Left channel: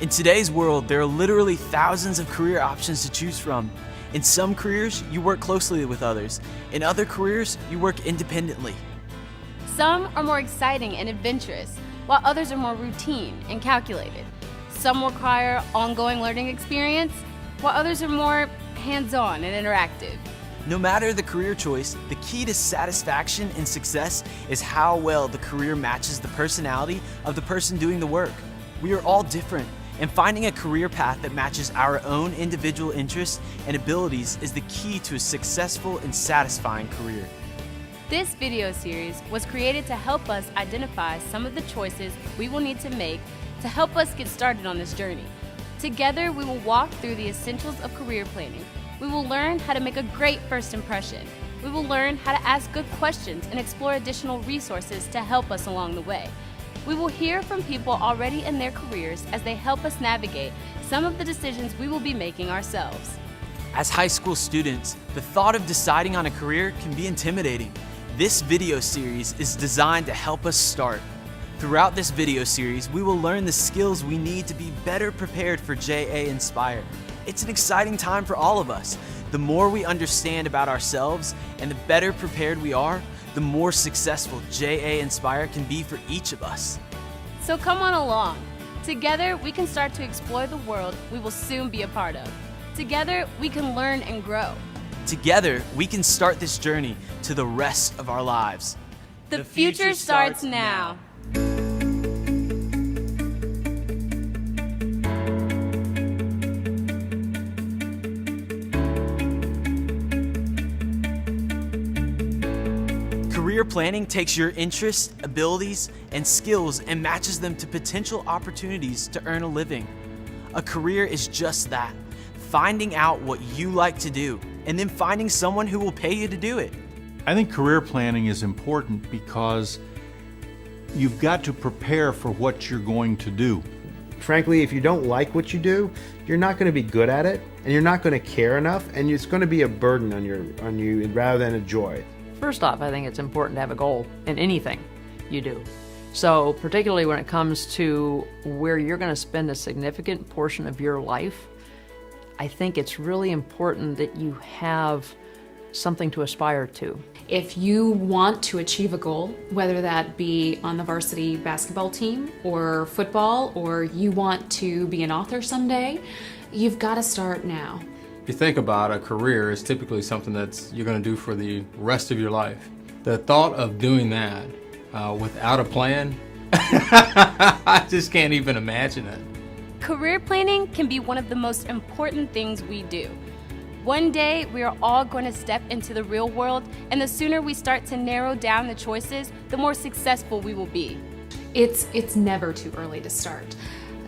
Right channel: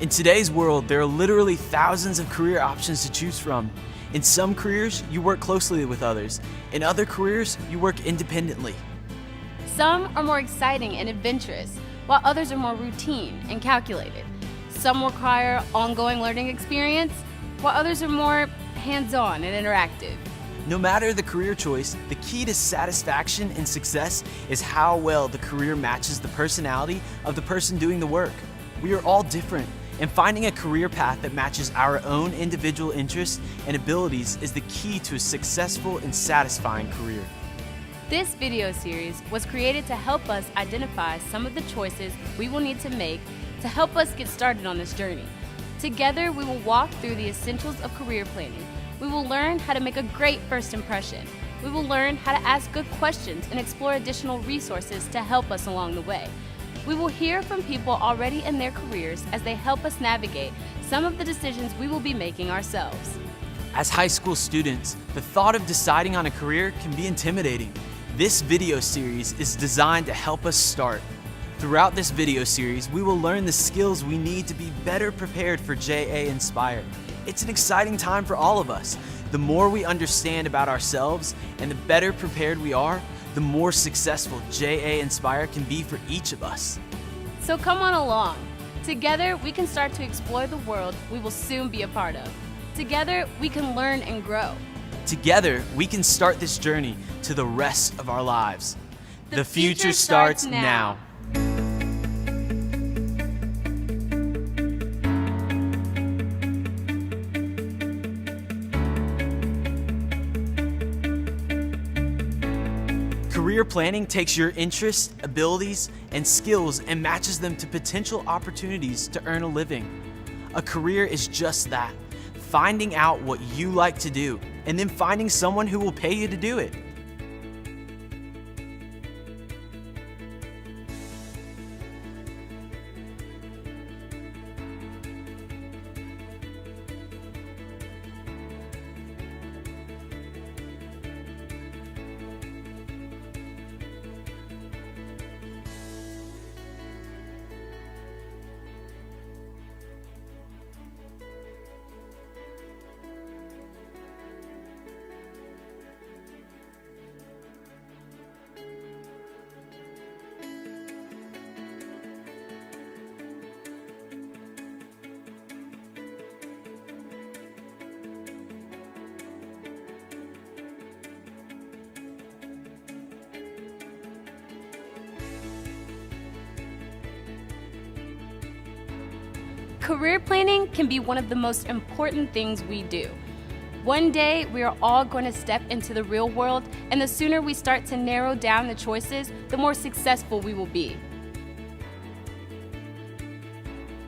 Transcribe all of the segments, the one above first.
In today's world, there are literally thousands of career options to choose from. In some careers, you work closely with others. In other careers, you work independently. Some are more exciting and adventurous, while others are more routine and calculated. Some require ongoing learning experience, while others are more hands-on and interactive. No matter the career choice, the key to satisfaction and success is how well the career matches the personality of the person doing the work. We are all different, and finding a career path that matches our own individual interests and abilities is the key to a successful and satisfying career. This video series was created to help us identify some of the choices we will need to make to help us get started on this journey. Together, we will walk through the essentials of career planning. We will learn how to make a great first impression. We will learn how to ask good questions and explore additional resources to help us along the way. We will hear from people already in their careers as they help us navigate some of the decisions we will be making ourselves. As high school students, the thought of deciding on a career can be intimidating. This video series is designed to help us start. Throughout this video series, we will learn the skills we need to be better prepared for JA Inspire. It's an exciting time for all of us. The more we understand about ourselves and the better prepared we are, the more successful JA Inspire can be for each of us. So come on along. Together, we can start to explore the world we will soon be a part of. Together, we can learn and grow. Together, we can start this journey to the rest of our lives. The future starts now. Career planning takes your interests, abilities, and skills and matches them to potential opportunities to earn a living. A career is just that, finding out what you like to do, and then finding someone who will pay you to do it. I think career planning is important because you've got to prepare for what you're going to do. Frankly, if you don't like what you do, you're not going to be good at it, and you're not going to care enough, and it's going to be a burden on you rather than a joy. First off, I think it's important to have a goal in anything you do. So particularly when it comes to where you're going to spend a significant portion of your life, I think it's really important that you have something to aspire to. If you want to achieve a goal, whether that be on the varsity basketball team or football, or you want to be an author someday, you've got to start now. If you think about a career, it's typically something that you're going to do for the rest of your life. The thought of doing that without a plan, I just can't even imagine it. Career planning can be one of the most important things we do. One day, we are all going to step into the real world, and the sooner we start to narrow down the choices, the more successful we will be. It's never too early to start.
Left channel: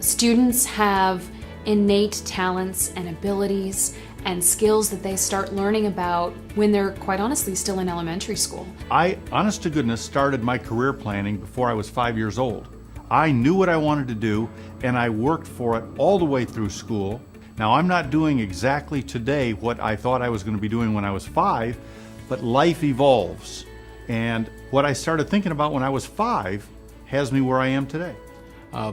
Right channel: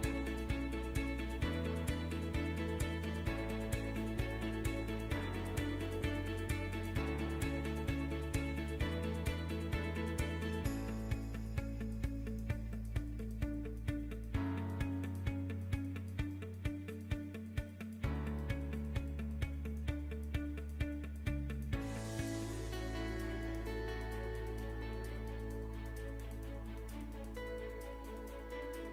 Students have innate talents and abilities and skills that they start learning about when they're, quite honestly, still in elementary school. I, honest to goodness, started my career planning before I was 5 years old. I knew what I wanted to do, and I worked for it all the way through school. Now, I'm not doing exactly today what I thought I was going to be doing when I was 5, but life evolves. And what I started thinking about when I was 5 has me where I am today.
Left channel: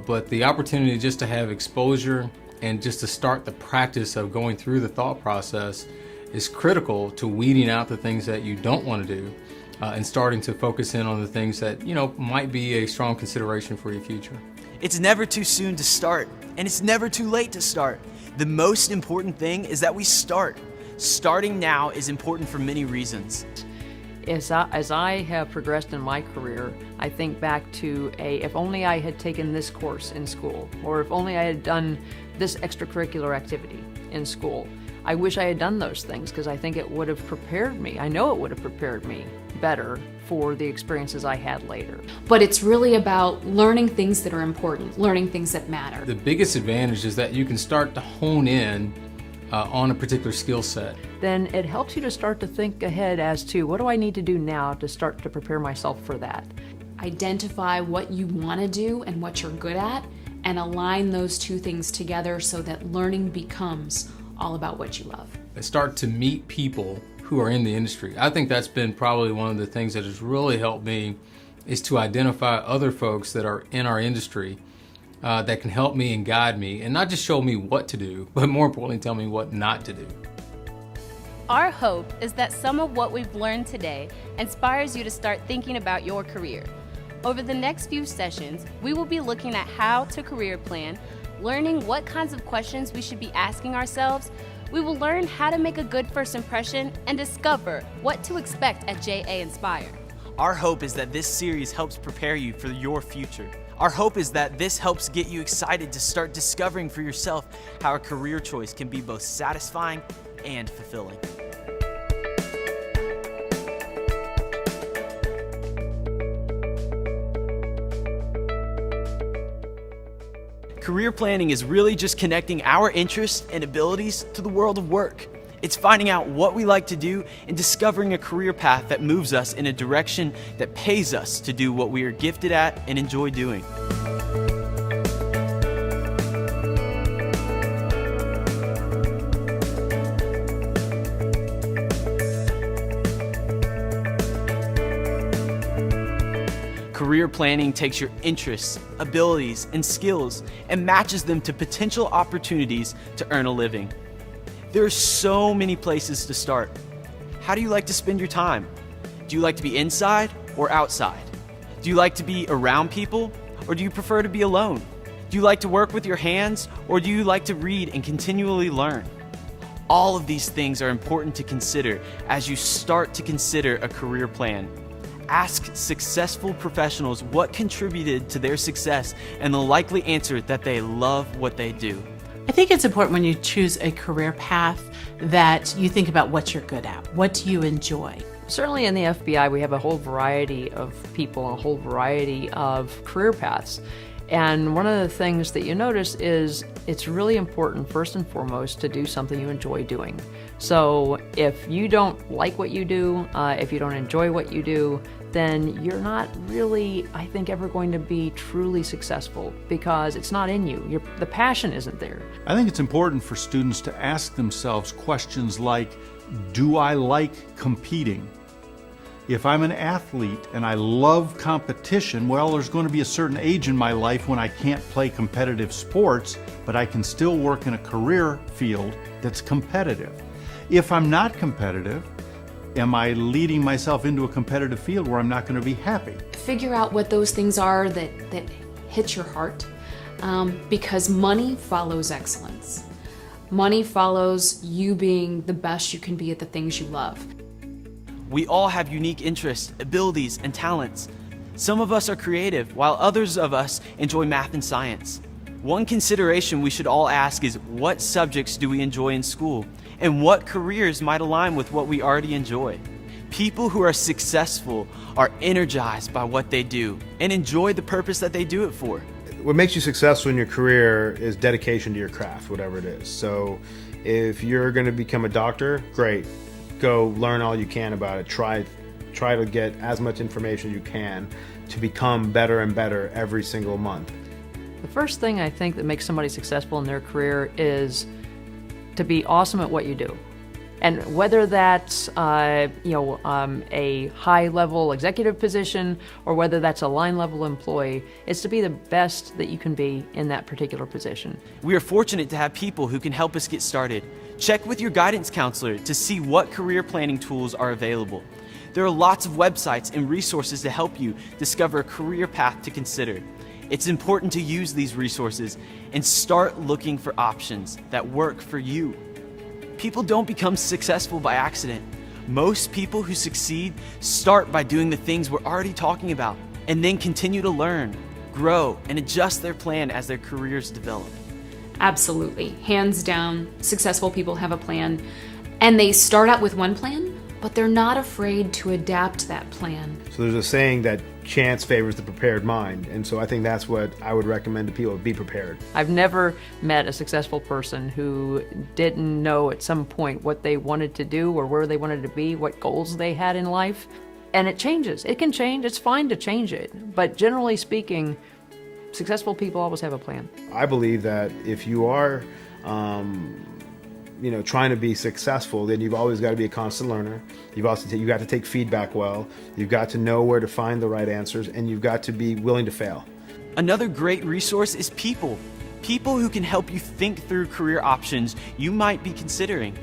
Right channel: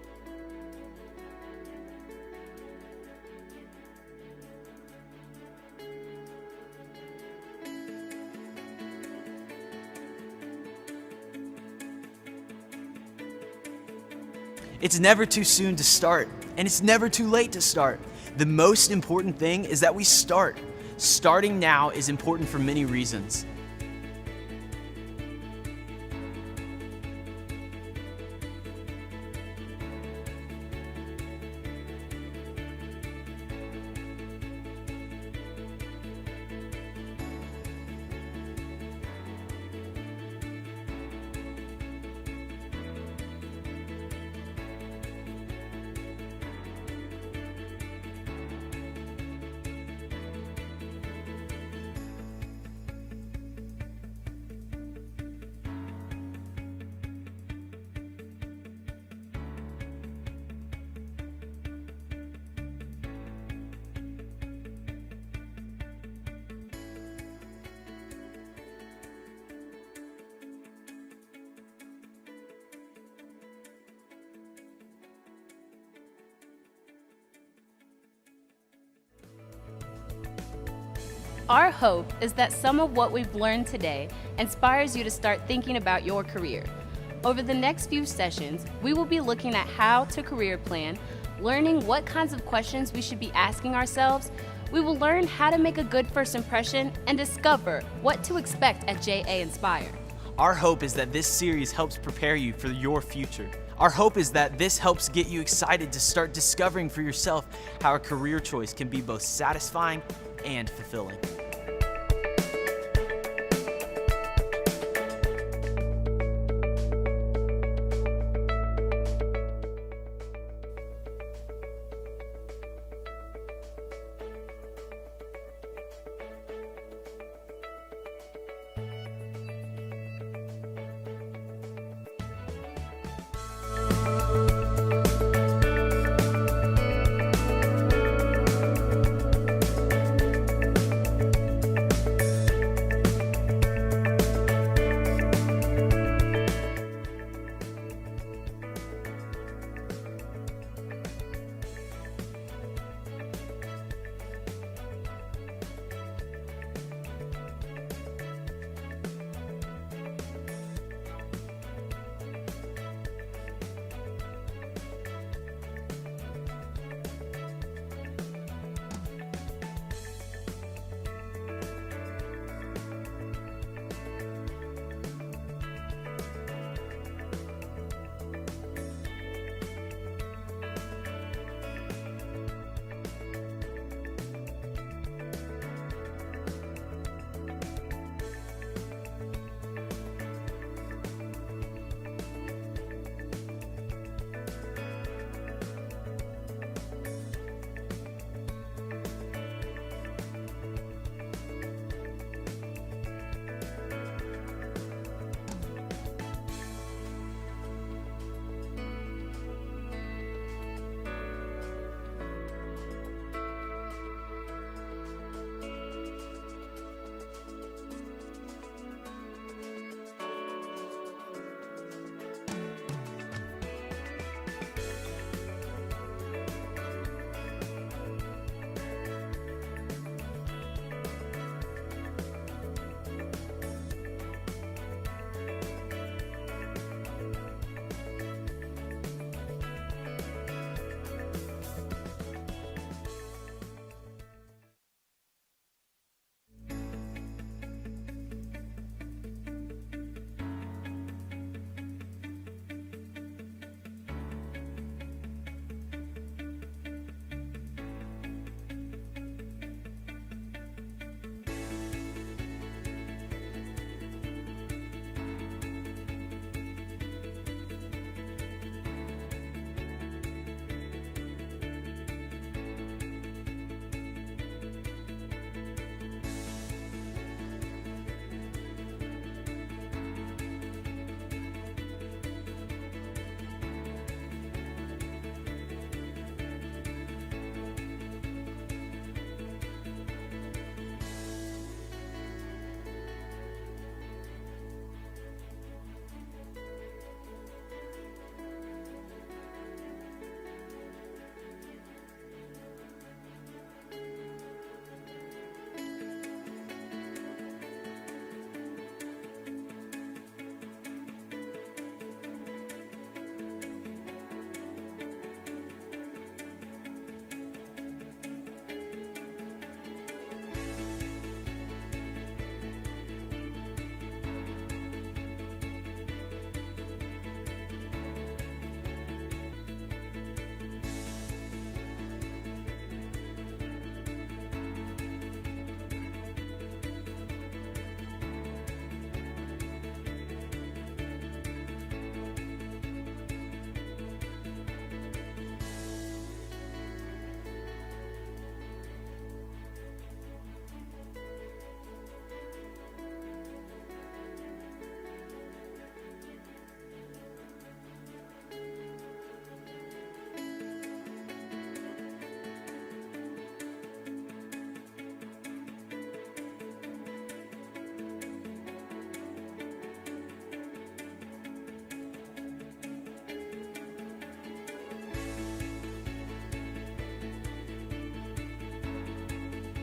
But the opportunity just to have exposure and just to start the practice of going through the thought process is critical to weeding out the things that you don't want to do and starting to focus in on the things that, might be a strong consideration for your future. It's never too soon to start, and it's never too late to start. The most important thing is that we start. Starting now is important for many reasons. As I have progressed in my career, I think back to if only I had taken this course in school, or if only I had done this extracurricular activity in school. I wish I had done those things because I think it would have prepared me. I know it would have prepared me better for the experiences I had later. But it's really about learning things that are important, learning things that matter. The biggest advantage is that you can start to hone in on a particular skill set. Then it helps you to start to think ahead as to what do I need to do now to start to prepare myself for that. Identify what you want to do and what you're good at, and align those two things together so that learning becomes all about what you love. Start to meet people who are in the industry. I think that's been probably one of the things that has really helped me, is to identify other folks that are in our industry that can help me and guide me, and not just show me what to do, but more importantly, tell me what not to do. Our hope is that some of what we've learned today inspires you to start thinking about your career. Over the next few sessions, we will be looking at how to career plan, learning what kinds of questions we should be asking ourselves. We will learn how to make a good first impression and discover what to expect at JA Inspire. Our hope is that this series helps prepare you for your future. Our hope is that this helps get you excited to start discovering for yourself how a career choice can be both satisfying and fulfilling. Career planning is really just connecting our interests and abilities to the world of work. It's finding out what we like to do and discovering a career path that moves us in a direction that pays us to do what we are gifted at and enjoy doing. Career planning takes your interests, abilities, and skills and matches them to potential opportunities to earn a living. There are so many places to start. How do you like to spend your time? Do you like to be inside or outside? Do you like to be around people or do you prefer to be alone? Do you like to work with your hands or do you like to read and continually learn? All of these things are important to consider as you start to consider a career plan. Ask successful professionals what contributed to their success and the likely answer that they love what they do. I think it's important when you choose a career path that you think about what you're good at. What do you enjoy? Certainly in the FBI, we have a whole variety of people, a whole variety of career paths. And one of the things that you notice is it's really important, first and foremost, to do something you enjoy doing. So if you don't like what you do, if you don't enjoy what you do, then you're not really, I think, ever going to be truly successful because it's not in you. The passion isn't there. I think it's important for students to ask themselves questions like, do I like competing? If I'm an athlete and I love competition, well, there's going to be a certain age in my life when I can't play competitive sports, but I can still work in a career field that's competitive. If I'm not competitive, am I leading myself into a competitive field where I'm not going to be happy? Figure out what those things are that hit your heart, because money follows excellence. Money follows you being the best you can be at the things you love. We all have unique interests, abilities, and talents. Some of us are creative, while others of us enjoy math and science. One consideration we should all ask is, what subjects do we enjoy in school? And what careers might align with what we already enjoy? People who are successful are energized by what they do and enjoy the purpose that they do it for. What makes you successful in your career is dedication to your craft, whatever it is. So if you're going to become a doctor, great. Go learn all you can about it. Try to get as much information you can to become better and better every single month. The first thing I think that makes somebody successful in their career is to be awesome at what you do. And whether that's a high-level executive position or whether that's a line-level employee, it's to be the best that you can be in that particular position. We are fortunate to have people who can help us get started. Check with your guidance counselor to see what career planning tools are available. There are lots of websites and resources to help you discover a career path to consider. It's important to use these resources and start looking for options that work for you. People don't become successful by accident. Most people who succeed start by doing the things we're already talking about and then continue to learn, grow, and adjust their plan as their careers develop. Absolutely. Hands down, successful people have a plan, and they start out with one plan, but they're not afraid to adapt that plan. So there's a saying that chance favors the prepared mind, and so I think that's what I would recommend to people: be prepared. I've never met a successful person who didn't know at some point what they wanted to do or where they wanted to be, what goals they had in life. And it changes. It can change. It's fine to change it. But generally speaking, successful people always have a plan. I believe that if you are trying to be successful, then you've always got to be a constant learner. You've got to take feedback well. You've got to know where to find the right answers, and you've got to be willing to fail. Another great resource is people. People who can help you think through career options you might be considering.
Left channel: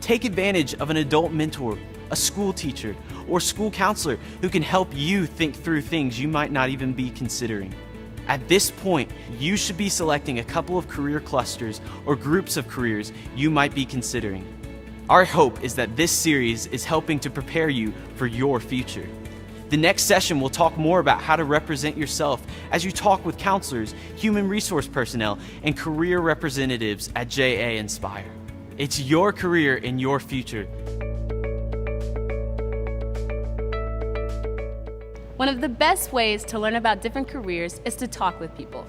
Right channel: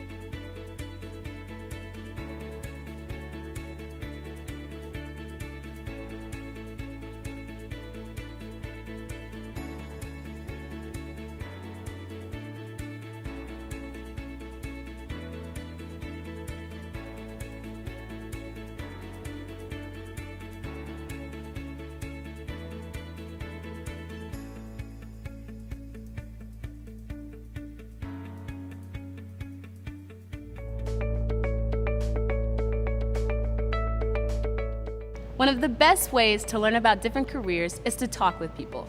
Take advantage of an adult mentor, a school teacher, or school counselor who can help you think through things you might not even be considering. At this point, you should be selecting a couple of career clusters or groups of careers you might be considering. Our hope is that this series is helping to prepare you for your future. The next session will talk more about how to represent yourself as you talk with counselors, human resource personnel, and career representatives at JA Inspire. It's your career and your future. One of the best ways to learn about different careers is to talk with people.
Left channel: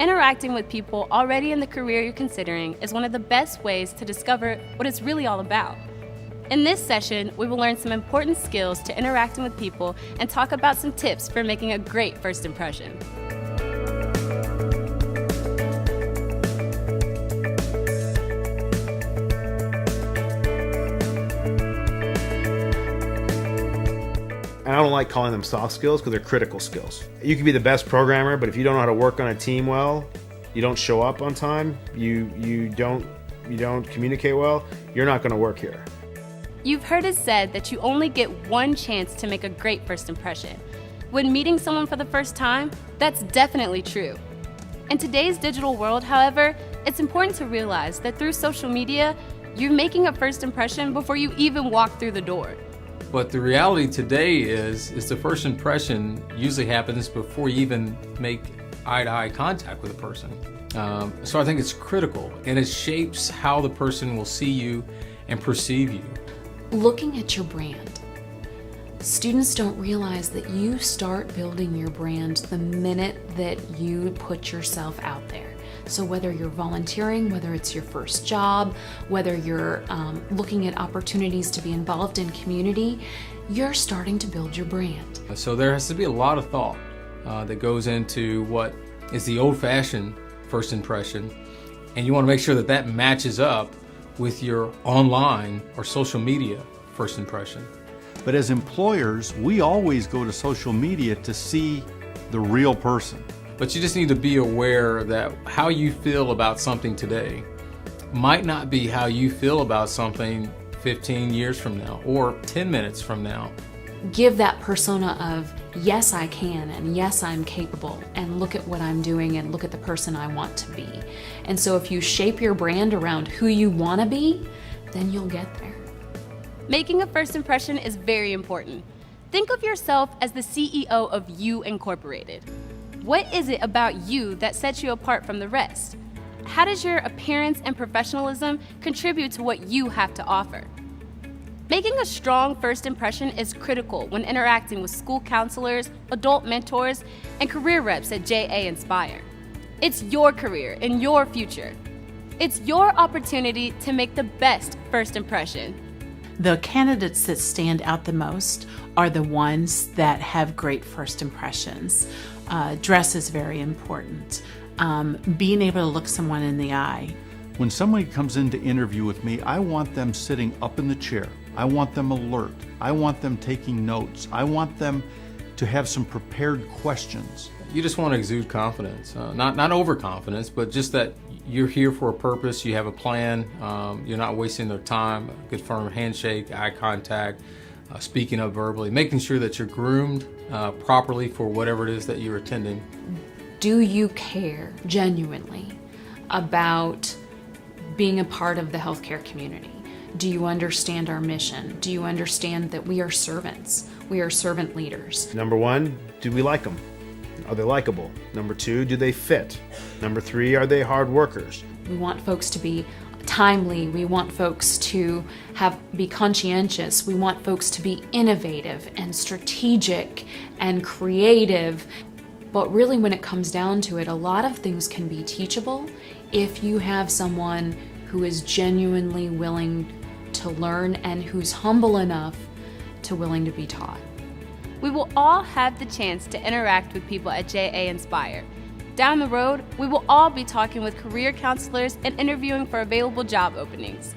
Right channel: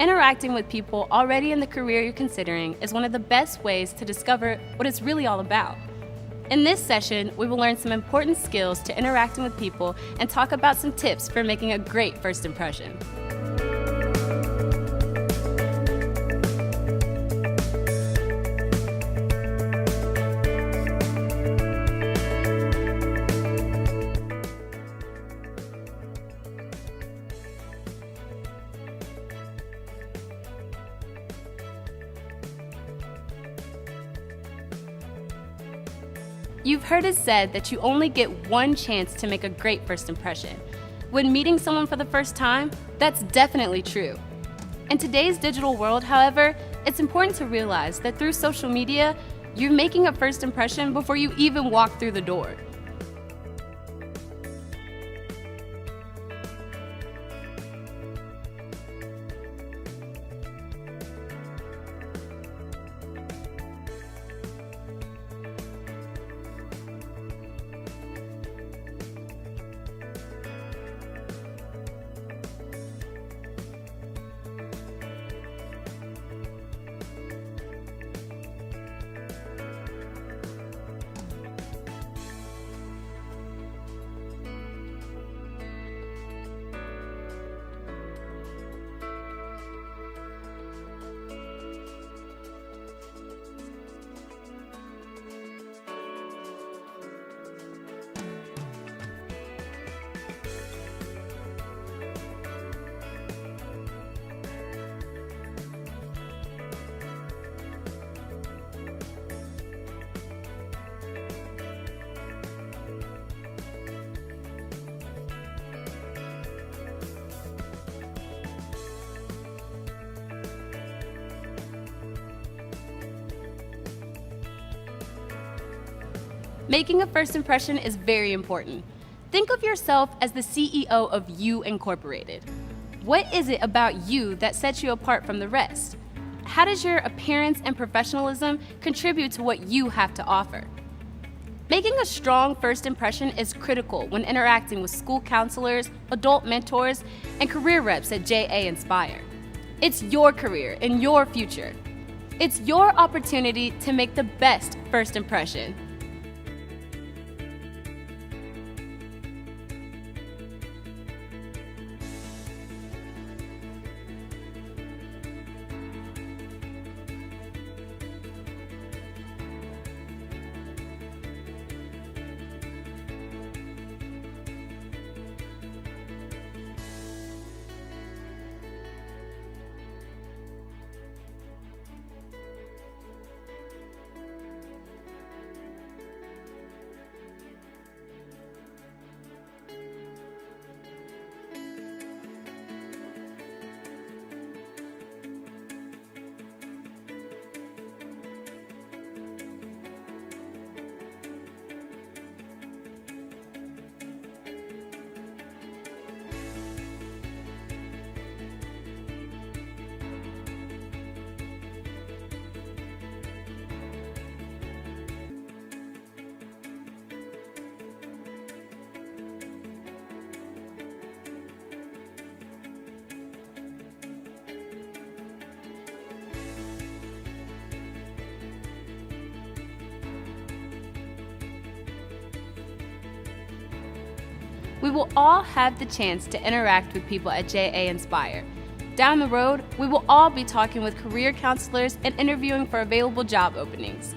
Interacting with people already in the career you're considering is one of the best ways to discover what it's really all about. In this session, we will learn some important skills to interacting with people and talk about some tips for making a great first impression. And I don't like calling them soft skills because they're critical skills. You can be the best programmer, but if you don't know how to work on a team well, you don't show up on time, you don't communicate well, you're not going to work here. You've heard it said that you only get one chance to make a great first impression. When meeting someone for the first time, that's definitely true. In today's digital world, however, it's important to realize that through social media, you're making a first impression before you even walk through the door. But the reality today is the first impression usually happens before you even make eye-to-eye contact with a person. So I think it's critical, and it shapes how the person will see you and perceive you. Looking at your brand. Students don't realize that you start building your brand the minute that you put yourself out there. So whether you're volunteering, whether it's your first job, whether you're looking at opportunities to be involved in community, you're starting to build your brand. So there has to be a lot of thought that goes into what is the old-fashioned first impression, and you want to make sure that that matches up with your online or social media first impression. But as employers, we always go to social media to see the real person. But you just need to be aware that how you feel about something today might not be how you feel about something 15 years from now or 10 minutes from now. Give that persona of, yes, I can, and yes, I'm capable, and look at what I'm doing, and look at the person I want to be. And so if you shape your brand around who you want to be, then you'll get there. Making a first impression is very important. Think of yourself as the CEO of You Incorporated. What is it about you that sets you apart from the rest? How does your appearance and professionalism contribute to what you have to offer? Making a strong first impression is critical when interacting with school counselors, adult mentors, and career reps at JA Inspire. It's your career and your future. It's your opportunity to make the best first impression. The candidates that stand out the most are the ones that have great first impressions. Dress is very important. Being able to look someone in the eye. When somebody comes in to interview with me, I want them sitting up in the chair. I want them alert. I want them taking notes. I want them to have some prepared questions. You just want to exude confidence, not overconfidence, but just that you're here for a purpose, you have a plan, you're not wasting their time, a good firm handshake, eye contact, speaking up verbally, making sure that you're groomed properly for whatever it is that you're attending. Do you care genuinely about being a part of the healthcare community? Do you understand our mission? Do you understand that we are servants? We are servant leaders. Number one, do we like them? Are they likable? Number two, do they fit? Number three, are they hard workers? We want folks to be timely. We want folks to be conscientious. We want folks to be innovative and strategic and creative. But really, when it comes down to it, a lot of things can be teachable if you have someone who is genuinely willing to learn and who's humble enough to willing to be taught. We will all have the chance to interact with people at JA Inspire. Down the road, we will all be talking with career counselors and interviewing for available job openings.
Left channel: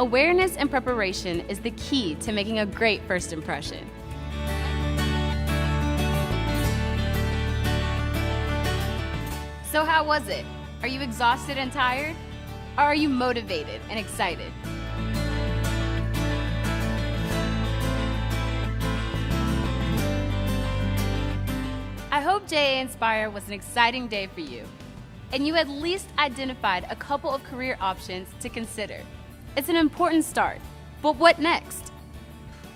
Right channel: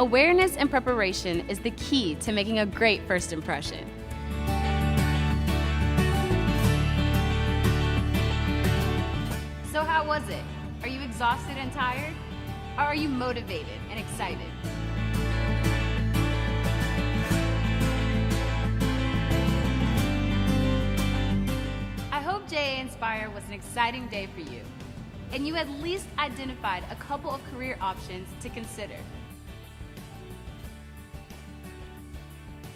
Awareness and preparation is the key to making a great first impression. how was it? Are you exhausted and tired? Or are you motivated and excited? I hope JA Inspire was an exciting day for you, and you at least identified a couple of career options to consider. It's an important start, but what next?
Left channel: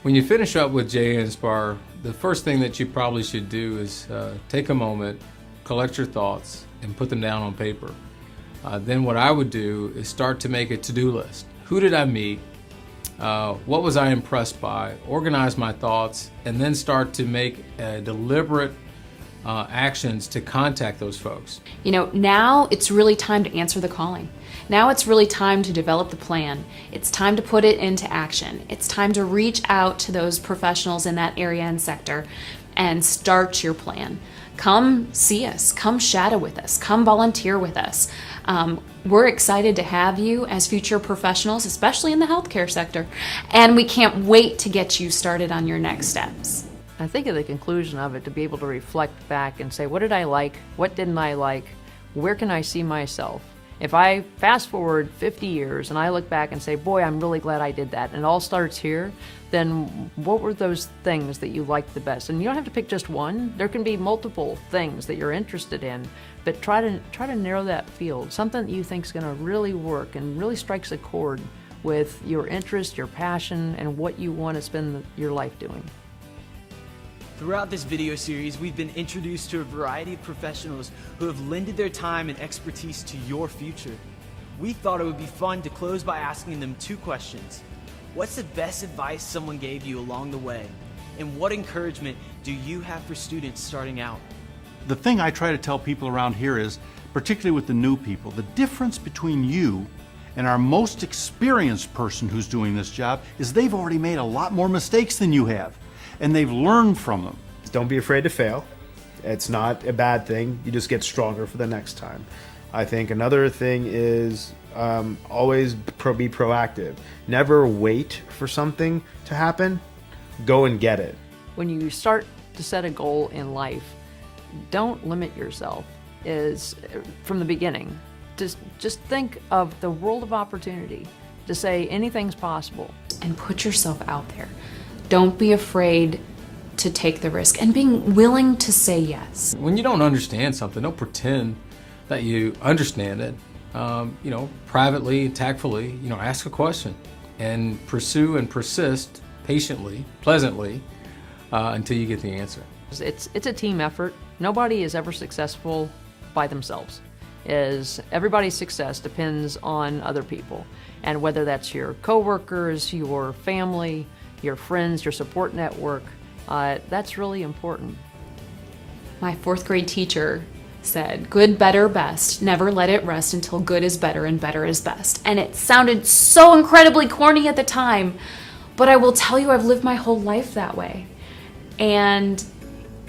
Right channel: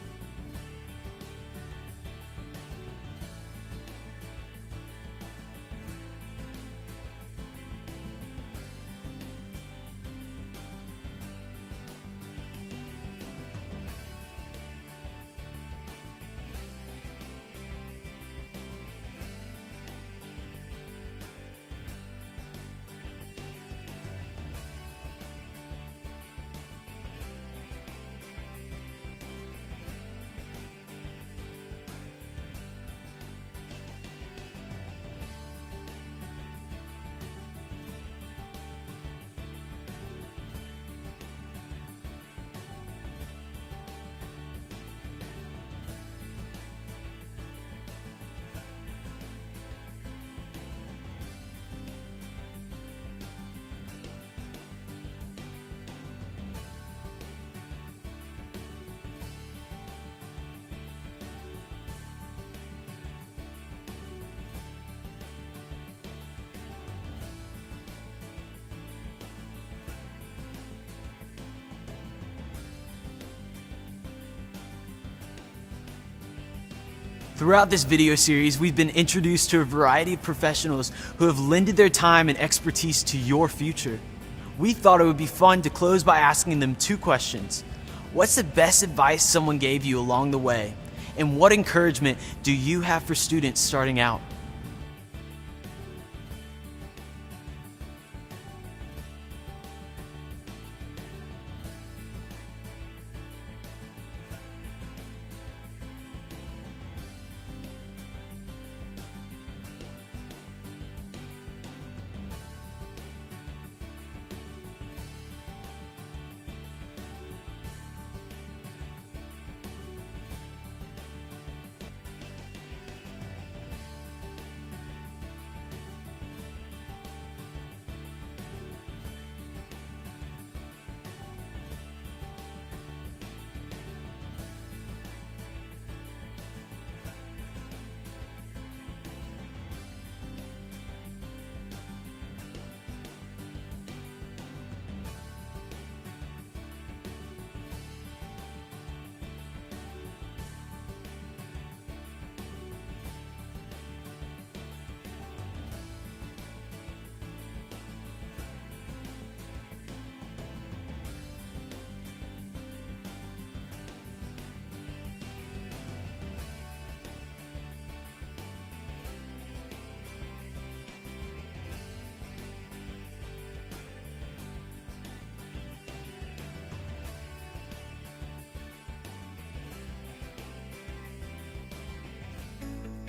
When you finish up with JA Inspire, the first thing that you probably should do is take a moment, collect your thoughts, and put them down on paper. Then what I would do is start to make a to-do list. Who did I meet? What was I impressed by? Organize my thoughts, and then start to make deliberate actions to contact those folks. You know, now it's really time to answer the calling. Now it's really time to develop the plan. It's time to put it into action. It's time to reach out to those professionals in that area and sector and start your plan. Come see us, come shadow with us, come volunteer with us. We're excited to have you as future professionals, especially in the healthcare sector, and we can't wait to get you started on your next steps. I think at the conclusion of it, to be able to reflect back and say, what did I like? What didn't I like? Where can I see myself? If I fast forward 50 years and I look back and say, boy, I'm really glad I did that, and it all starts here, then what were those things that you liked the best? And you don't have to pick just one. There can be multiple things that you're interested in, but try to narrow that field. Something that you think is going to really work and really strikes a chord with your interest, your passion, and what you want to spend your life doing. Throughout this video series, we've been introduced to a variety of professionals who have lended their time and expertise to your future. We thought it would be fun to close by asking them 2 questions. What's the best advice someone gave you along the way? And what encouragement do you have for students starting out? The thing I try to tell people around here is, particularly with the new people, the difference between you and our most experienced person who's doing this job is they've already made a lot more mistakes than you have, and they've learned from them. Don't be afraid to fail. It's not a bad thing. You just get stronger for the next time. I think another thing is always be proactive. Never wait for something to happen. Go and get it. When you start to set a goal in life, don't limit yourself from the beginning. Just think of the world of opportunity to say anything's possible. And put yourself out there. Don't be afraid to take the risk and being willing to say yes. When you don't understand something, don't pretend that you understand it. Privately, tactfully, ask a question and pursue and persist patiently, pleasantly, until you get the answer. It's a team effort. Nobody is ever successful by themselves. Everybody's success depends on other people, and whether that's your coworkers, your family, your friends, your support network, that's really important. My 4th grade teacher said, good, better, best. Never let it rest until good is better and better is best. And it sounded so incredibly corny at the time, but I will tell you I've lived my whole life that way. And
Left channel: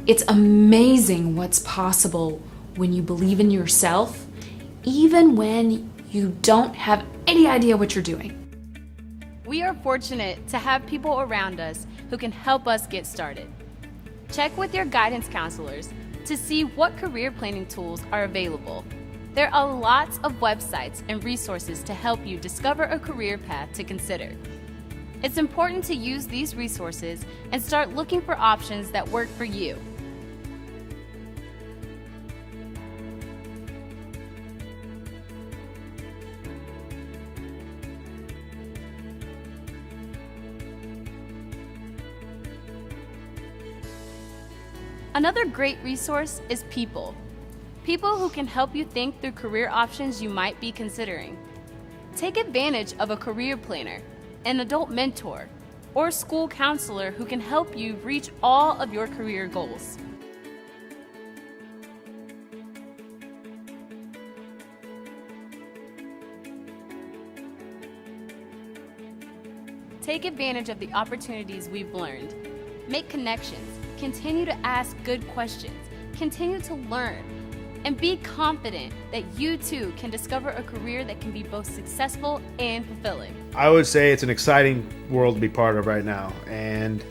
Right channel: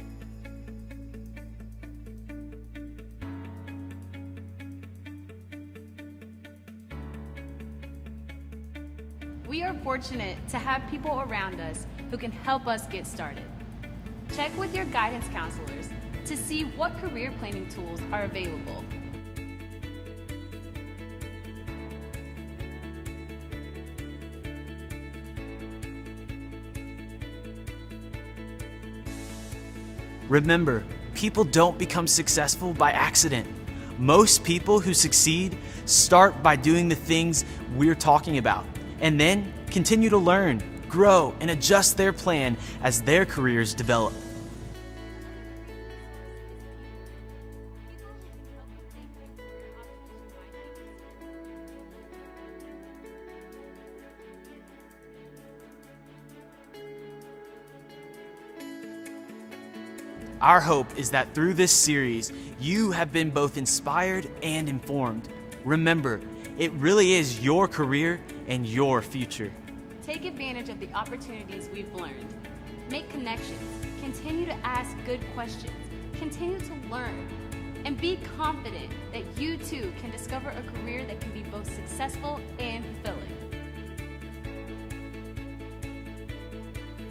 it's amazing what's possible when you believe in yourself, even when you don't have any idea what you're doing. We are fortunate to have people around us who can help us get started. Check with your guidance counselors to see what career planning tools are available. There are lots of websites and resources to help you discover a career path to consider. It's important to use these resources and start looking for options that work for you. Remember, people don't become successful by accident. Most people who succeed start by doing the things we're talking about, and then continue to learn, grow, and adjust their plan as their careers develop. Another great resource is People. People who can help you think through career options you might be considering. Take advantage of a career planner, an adult mentor, or school counselor who can help you reach all of your career goals. Our hope is that through this series, you have been both inspired and informed. Remember, it really is your career and your future. Take advantage of the opportunities we've learned. Make connections, continue to ask good questions, continue to learn, and be confident that you too can discover a career that can be both successful and fulfilling. I would say it's an exciting world to be part of right now, and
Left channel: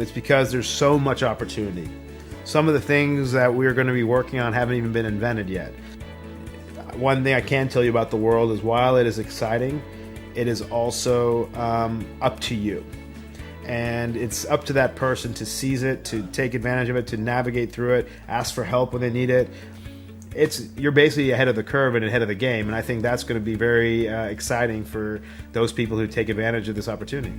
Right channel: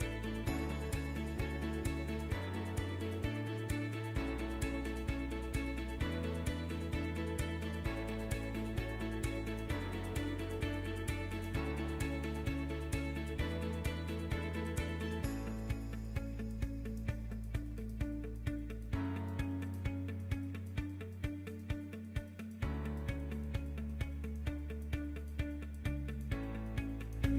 it's because there's so much opportunity. Some of the things that we're going to be working on haven't even been invented yet. one thing I can tell you about the world is while it is exciting, it is also up to you. And it's up to that person to seize it, to take advantage of it, to navigate through it, ask for help when they need it. You're basically ahead of the curve and ahead of the game, and I think that's going to be very exciting for those people who take advantage of this opportunity.